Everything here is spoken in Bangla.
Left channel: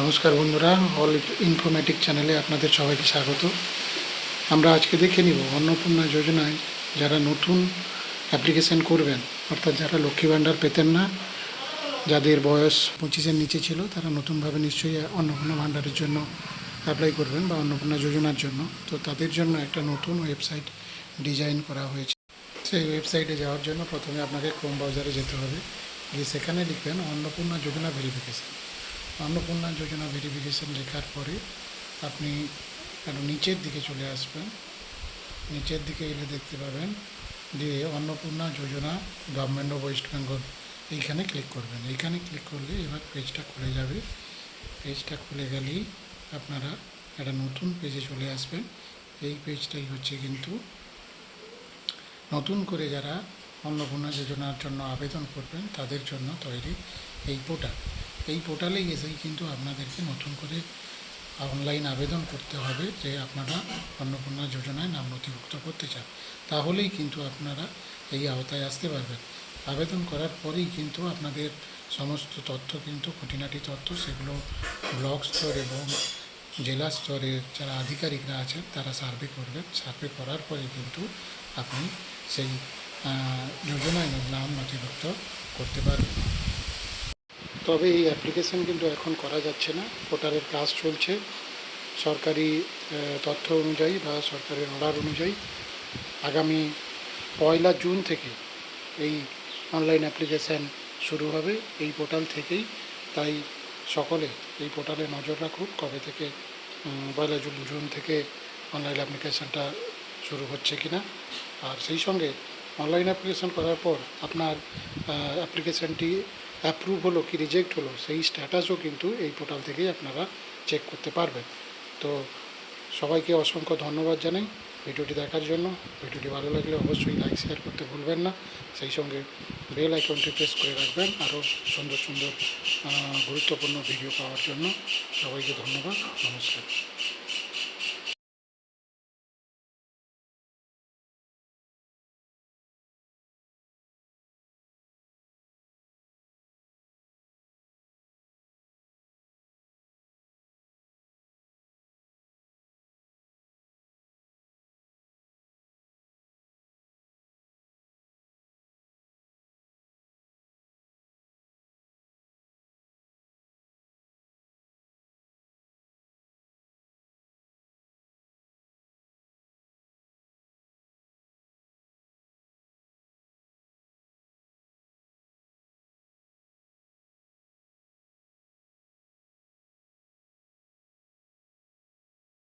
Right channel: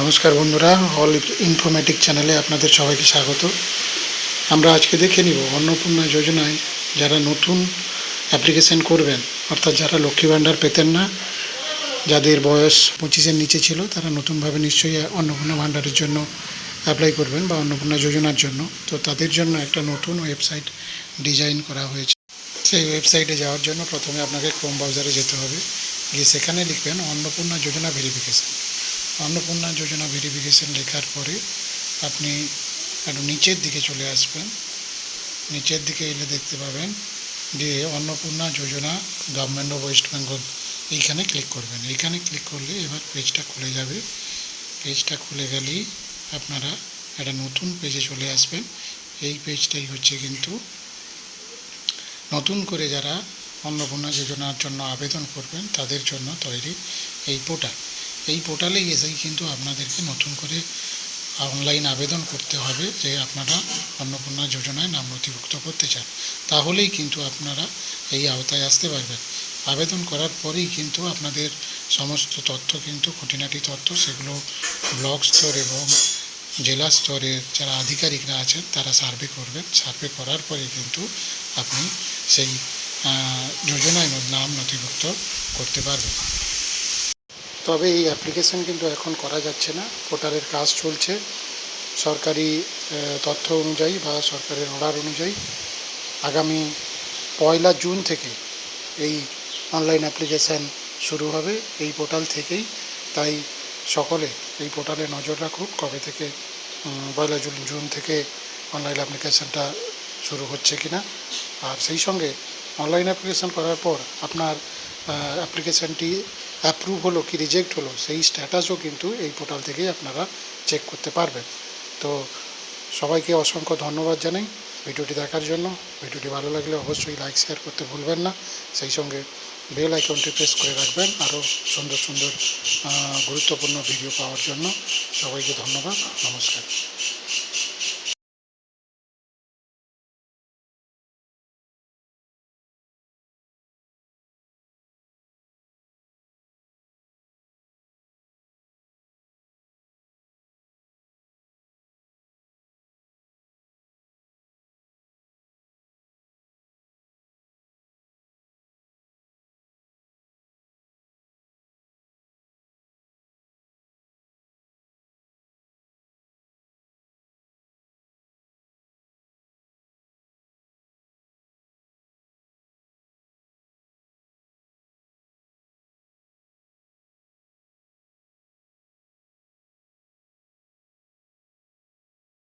নমস্কার বন্ধুরা, অল ইনফরমেটিক চ্যানেলে আপনাদের সবাইকে স্বাগত। আমরা আজকে দেখে নিব অন্নপূর্ণা যোজনায় যারা নতুন অ্যাপ্লিকেশন করবেন, অর্থাৎ যারা লক্ষ্মী ভাণ্ডার পেতেন না, যাদের বয়স 25-এর নিচে ছিল, তারা নতুনভাবে নিশ্চয়ই অন্নপূর্ণা ভাণ্ডারের জন্য অ্যাপ্লাই করবেন বা অন্নপূর্ণা যোজনার জন্য। তো তাদের জন্য একটা নতুন ওয়েবসাইট ডিজাইন করা হয়েছে। সেই ওয়েবসাইটে যাওয়ার জন্য প্রথমে আপনাকে ক্রোম ব্রাউজারে যেতে হবে, গিয়ে সেখানে লিখবেন অন্নপূর্ণা যোজনা ভেরিফিকেশন। অন্নপূর্ণা যোজনা ভেরিফিকেশন লেখার পরে আপনি একটু নিচের দিকে চলে আসবেন। নিচের দিকে এলে দেখতে পাবেন যে অন্নপূর্ণা যোজনা গভর্নমেন্ট অফ ওয়েস্ট বেঙ্গল, এইখানে ক্লিক করবেন। এইখানে ক্লিক করলে এবার পেজটা খুলে যাবে। পেজটা খুলে গেলেই আপনারা একটা নতুন পেজে চলে আসবেন। এই পেজটাই হচ্ছে কিন্তু নতুন করে যারা অন্নপূর্ণা যোজনার জন্য আবেদন করবেন তাদের জন্য তৈরি এই পোর্টাল। এই পোর্টালে এসেই কিন্তু আপনাদেরকে নতুন করে অনলাইন আবেদন করতে হবে যে আপনারা অন্নপূর্ণা যোজনায় নাম নথিভুক্ত করতে চান, তাহলেই কিন্তু আপনারা এই আওতায় আসতে পারবেন। আবেদন করার পরেই কিন্তু আপনাদের সমস্ত তথ্য, কিন্তু খুঁটিনাটি তথ্য, সেগুলো ব্লক স্তর এবং জেলা স্তরের যারা আধিকারিকরা আছেন তারা সার্ভে করবেন। সার্ভে করার পরে কিন্তু আপনি সেই যোজনায় নাম নথিভুক্ত করতে পারবেন। তবে এই অ্যাপ্লিকেশন কিন্তু এখন করা যাচ্ছে না, পোর্টালের কাজ চলছে। সরকারি তথ্য অনুযায়ী বা সরকারের অর্ডার অনুযায়ী আগামী 1 জুন থেকে এই অনলাইন অ্যাপ্লিকেশান শুরু হবে এই পোর্টাল থেকেই। তাই সকলে এই পোর্টালে নজর রাখুন কবে থেকে 1 জুন থেকে অনলাইন অ্যাপ্লিকেশানটা শুরু হচ্ছে কি না। আর সেই সঙ্গে অনলাইন অ্যাপ্লিকেশান করার পর আপনার অ্যাপ্লিকেশানটি অ্যাপ্রুভ হলো কি রিজেক্ট হলো সেই স্ট্যাটাসও কিন্তু এই পোর্টাল থেকেই আপনারা চেক করতে পারবেন। তো সবাইকে অসংখ্য ধন্যবাদ জানাই ভিডিওটি দেখার জন্য। ভিডিওটি ভালো লাগলে অবশ্যই লাইক শেয়ার করতে ভুলবেন না। সেই সঙ্গে বেল আইকনটি প্রেস করে রাখবেন আরও সুন্দর সুন্দর গুরুত্বপূর্ণ ভিডিও পাওয়ার জন্য। সবাইকে ধন্যবাদ, নমস্কার।